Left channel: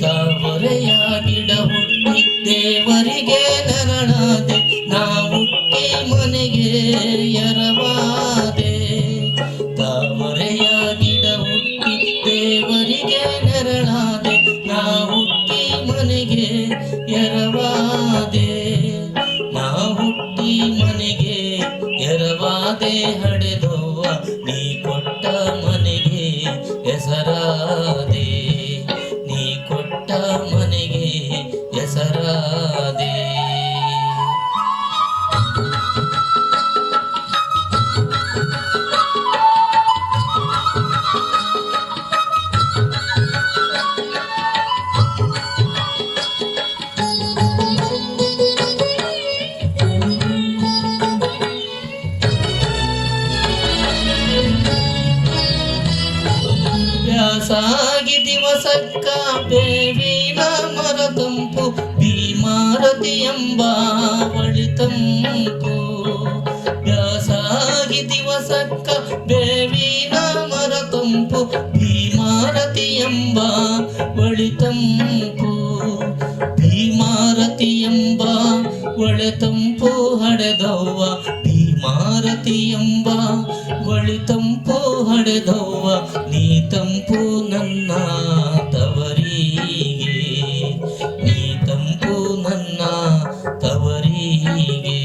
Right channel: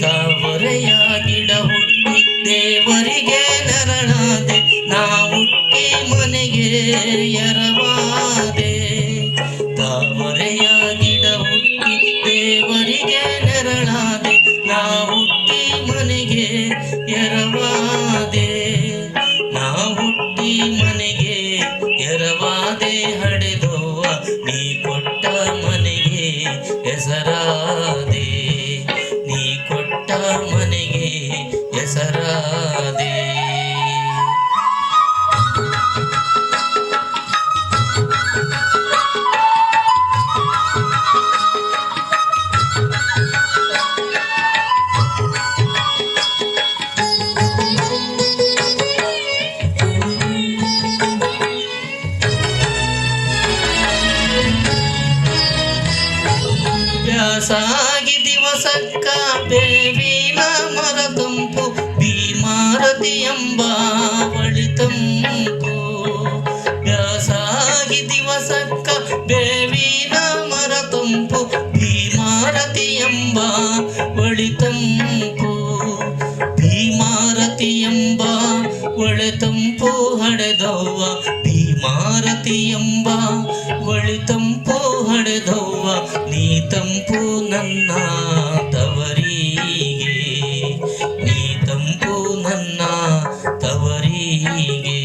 ತಾವರೆಯ ಗಿಡ ಹುಟ್ಟಿ ದೇವರಿಗೆ ನೆರಳಾದೆ, ನಾ ಹುಟ್ಟಿ ಮನೆಗೆ ಎರವಾದೆ. ತಾವರೆಯ ಗಿಡ ಹುಟ್ಟಿ ದೇವರಿಗೆ ನೆರಳಾದೆ, ನಾ ಹುಟ್ಟಿ ಮನೆಗೆ ಎರವಾದೆ. ನಾ ಹುಟ್ಟಿ ಮನೆಗೆ ಎರವಾದೆ, ಹಡೆದೋವ ನೀ ಕೊಟ್ಟ ಮನೆಗೆ ಹೆಸರಾದೆ. ಮನೆಗೆ ಹೆಸರಾದೆ. ಬ್ಯಾಸಾಗಿ ದಿವಸಕ್ಕ ಬೇವಿನ ಮರ ತಂಪು, ಭೀಮಾರತಿ ಎಂಬ ಬಳಿ ತಂಪು. ಬ್ಯಾಸಾಗಿ ದಿವಸಕ್ಕ ಬೇವಿನ ಮರ ತಂಪು, ಭೀಮಾರತಿ ಎಂಬ ಬಳಿ ತಂಪು. ಭೀಮಾರತಿ ಎಂಬ ಒಳೆ ತಂಪು ಹಡೆದವ್ವ, ಭೀಮಾರತಿ ಎಂಬ ಒಳೆ ತಂಪು ಹಡೆದವ್ವ. ನೀ ತಂಪು ನನ್ನ ತವರಿಗೆ, ನೀ ತಂಪು ನನ್ನ ತವರಿಗೆ.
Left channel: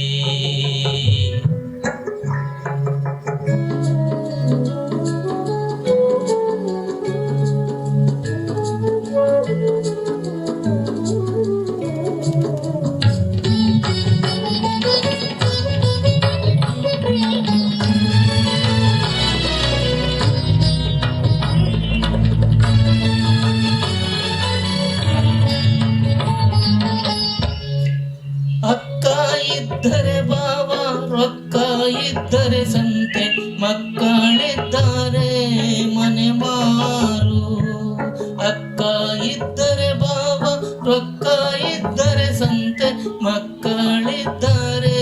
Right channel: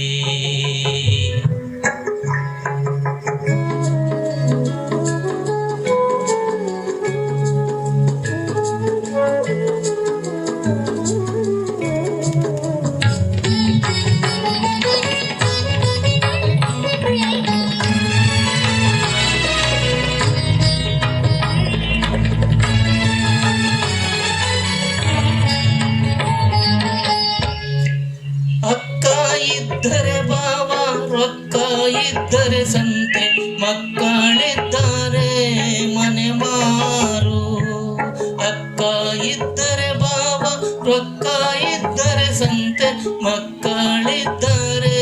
ಅಕ್ಕ ಇದ್ದರೆ ಬಾವ, ರೊಕ್ಕ ಇದ್ದರೆ ಸಂತೆ, ಮಕ್ಕಳಿದ್ದಾರೆ ಮನೆ ಮಾರು. ಅಕ್ಕ ಇದ್ದರೆ ಬಾವ, ರೊಕ್ಕ ಇದ್ದರೆ ಸಂತೆ, ಮಕ್ಕಳಿದ್ದಾರೆ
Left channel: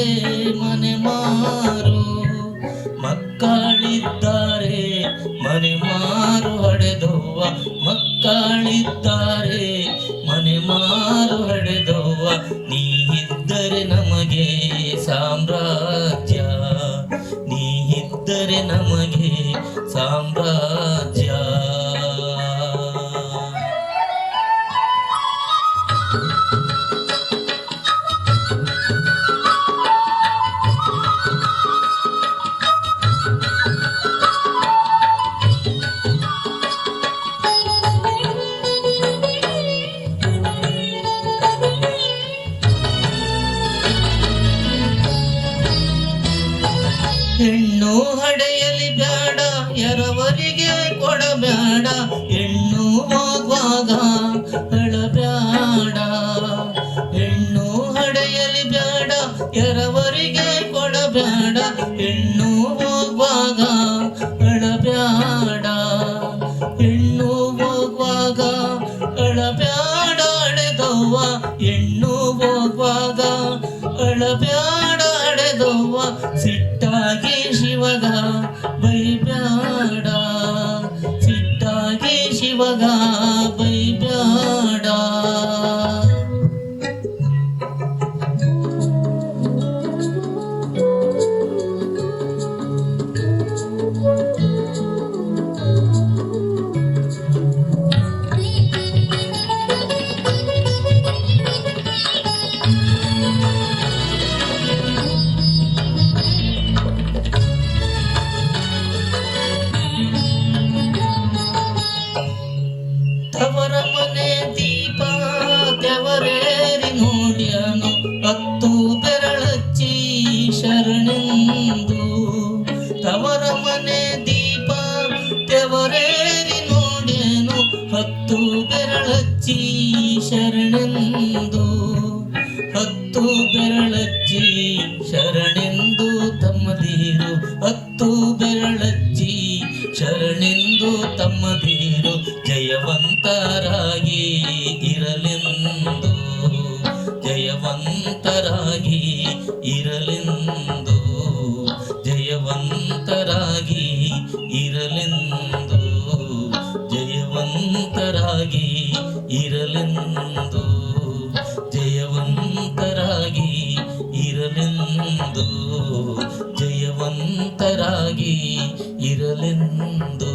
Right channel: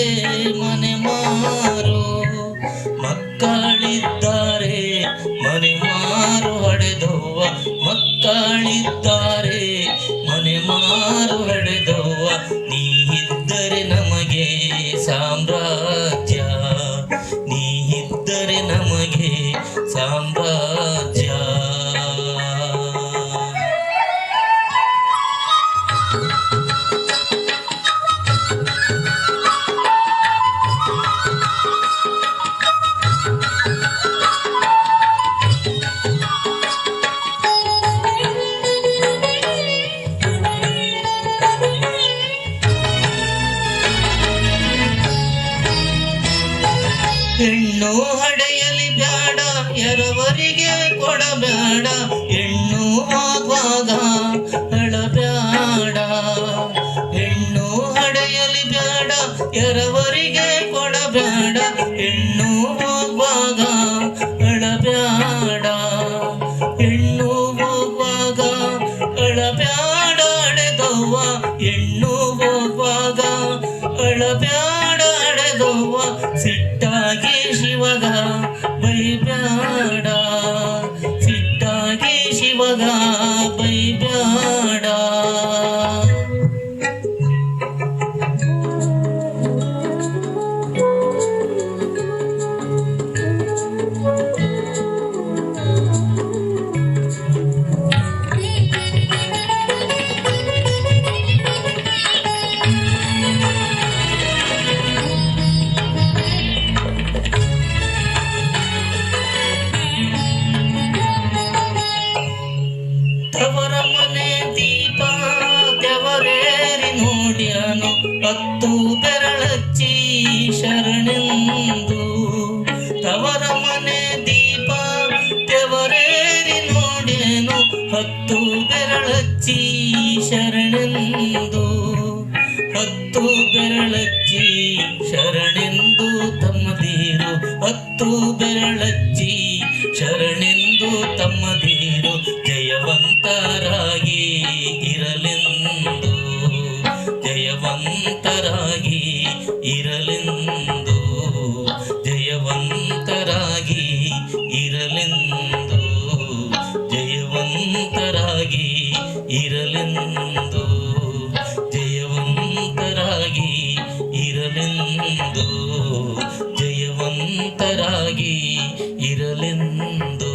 ಮನೆ ಮಾರು. ಮಕ್ಕಳಿದ್ದಾರೆ ಮನೆ ಮಾರು ಹಡೆದವ್ವ, ಮಕ್ಕಳಿದ್ದಾರೆ ಮನೆ ಮಾರು ಹಡೆದವ್ವ. ನೀ ಇದ್ದರೆ ನಮಗೆ ಸಾಮ್ರಾಜ್ಯ, ನೀ ಇದ್ದರೆ ನಮಗೆ ಸಾಮ್ರಾಜ್ಯ. ಹೆಣ್ಣು ಹಡೆಯಲಿ ಬ್ಯಾಡ, ಎರವರಿಗೆ ಕೊಡಬೇಡ. ಹೆಣ್ಣು ಆಗುವಾಗ ಅಳಬ್ಯಾಡ. ಹೆಣ್ಣು ಹಡೆಯಲಿ ಬ್ಯಾಡ, ಎರವರಿಗೆ ಕೊಡಬೇಡ. ಹೆಣ್ಣು ಹೋಗುವಾಗ ಅಳಬ್ಯಾಡ. ಹೆಣ್ಣು ಹೋಗುವಾಗ ಅಳಬ್ಯಾಡ ಹಡೆದವ್ವ. ಹೆಣ್ಣು ಹೋಗುವಾಗ ಅಳಬ್ಯಾಡ ಹಡೆದವ್ವ. ಸಿಟ್ಟಾಗಿ ಶಿವಗ ಬೈಬ್ಯಾಡ, ಸಿಟ್ಟಾಗಿ ಶಿವಗ ಬೈಬ್ಯಾಡ. ಮತ್ತು ಬೆರಳಚ್ಚಿ ಶರಣೆಂದು ತಮ್ಮದೀರು ಜಯವಂತರಾಗಿ ಇರಲೆಂದು, ಜಯವಂತರಾಗಿ ಇರಲೆಂದು, ಜಯವಂತರಾಗಿ ಇರಲೆಂದು, ಜಯವಂತರಾಗಿ ಇರಲೆಂದು, ಜಯವಂತರಾಗಿ ಇರಲೆಂದು, ಜಯವಂತರಾಗಿ ಇರಲೆಂದು.